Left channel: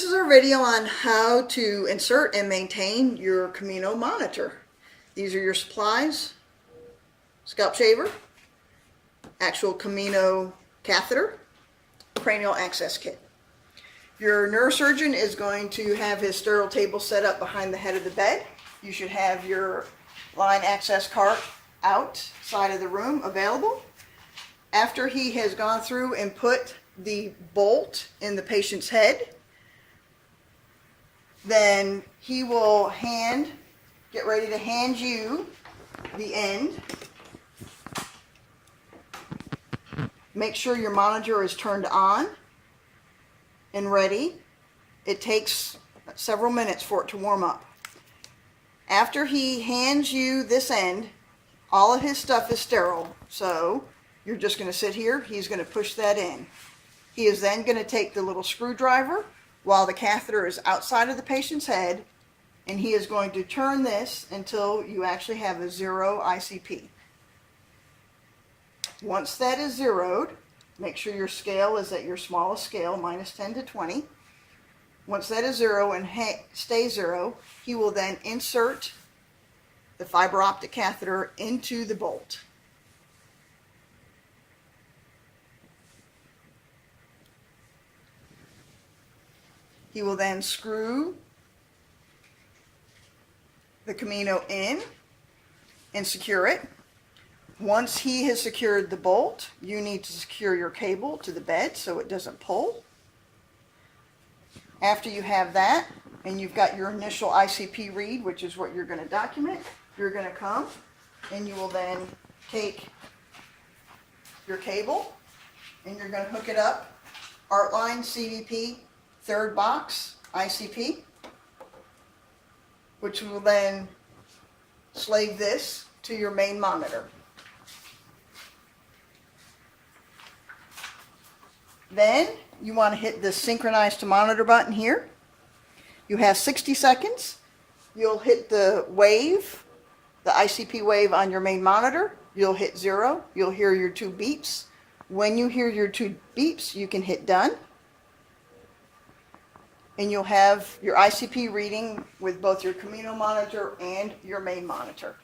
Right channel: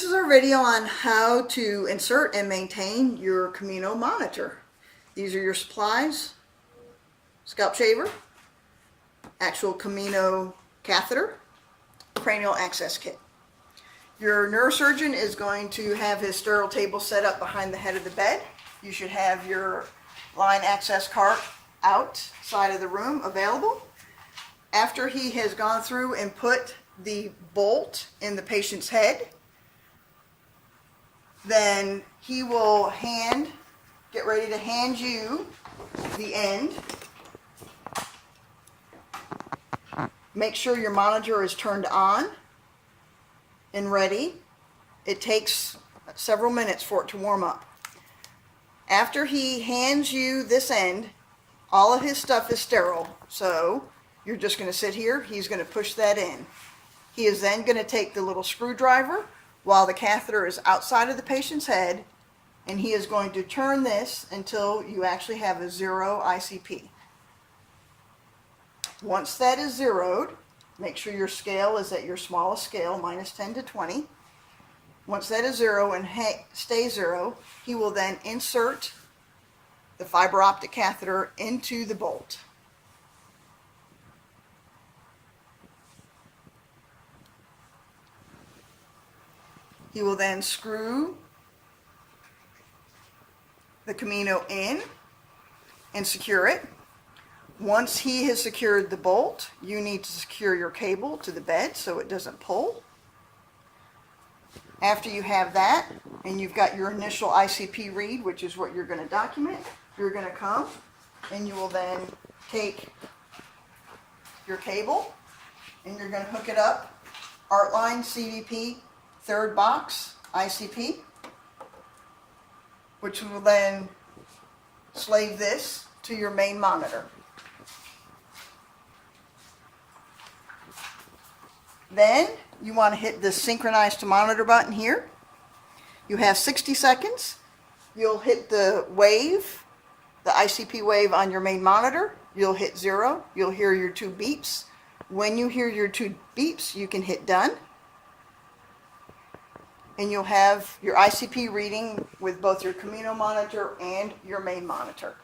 This is our video on how to insert and maintain your Camino Monitor. These are your supplies: scalp shaver, actual Camino catheter, cranial access kit. Your neurosurgeon is going to have his sterile table set up behind the head of the bed. You should have your line access cart outside of the room available. After he has gone through and put the bolt in the patient's head, then he will get ready to hand you the end. Make sure your monitor is turned on and ready. It takes several minutes for it to warm up. After he hands you this end, all of his stuff is sterile, so you're just going to sit here. He's going to push that in. He is then going to take the little screwdriver while the catheter is outside of the patient's head, and he is going to turn this until you actually have a 0 ICP. Once that is zeroed, make sure your scale is at your smallest scale, -10 to 20. Once that is 0 and stays 0, he will then insert the fiber optic catheter into the bolt. He will then screw the Camino in and secure it. Once he has secured the bolt, you need to secure your cable to the bed so it doesn't pull. After you have that, and you've got your initial ICP read, which is what you're going to document, you're going to come and you will then take your cable and you're going to hook it up, Artline CVP, third box ICP, which will then slave this to your main monitor. Then you want to hit the synchronize to monitor button here. You have 60 seconds. You'll hit the wave, the ICP wave on your main monitor. You'll hit 0. You'll hear your 2 beeps. When you hear your 2 beeps, you can hit done. And you'll have your ICP reading with both your Camino monitor and your main monitor.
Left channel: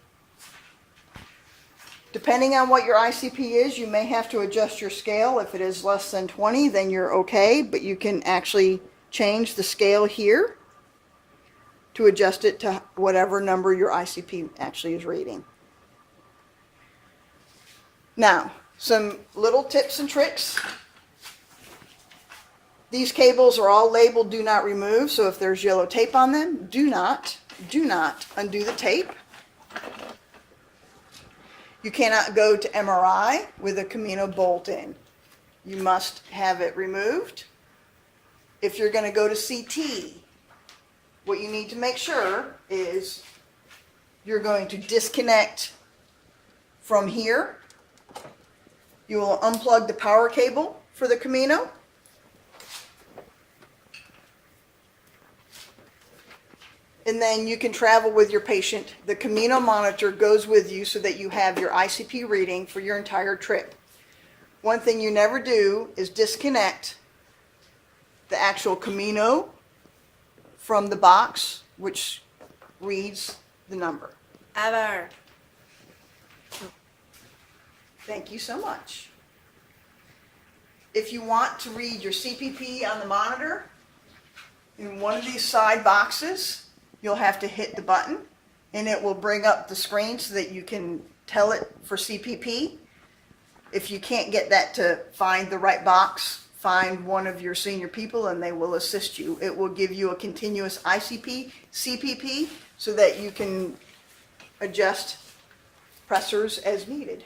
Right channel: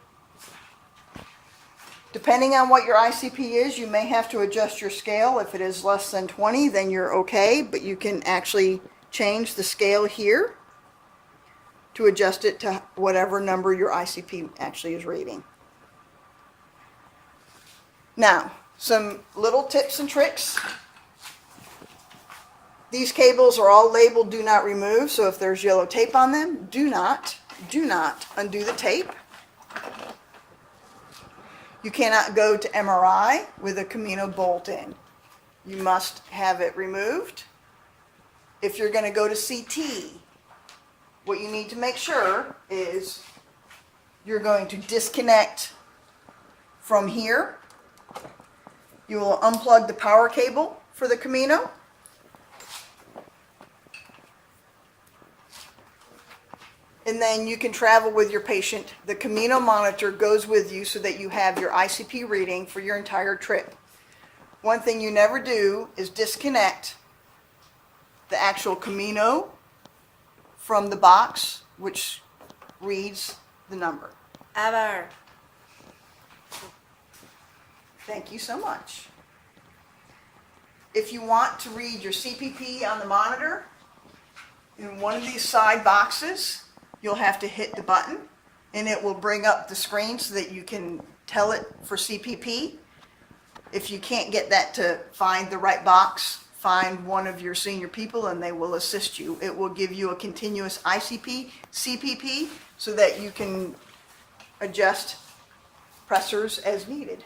Depending on what your ICP is, you may have to adjust your scale. If it is less than 20, then you're okay, but you can actually change the scale here to adjust it to whatever number your ICP actually is reading. Now, some little tips and tricks. These cables are all labeled do not remove, so if there's yellow tape on them, do not undo the tape. You cannot go to MRI with a Camino bolt in. You must have it removed. If you're going to go to CT, what you need to make sure is you're going to disconnect from here. You will unplug the power cable for the Camino. And then you can travel with your patient. The Camino monitor goes with you so that you have your ICP reading for your entire trip. One thing you never do is disconnect the actual Camino from the box, which reads the number. Ever. Thank you so much. If you want to read your CPP on the monitor, in one of these side boxes, you'll have to hit the button and it will bring up the screen so that you can tell it for CPP. If you can't get that to find the right box, find one of your senior people and they will assist you. It will give you a continuous ICP, CPP, so that you can adjust pressors as needed.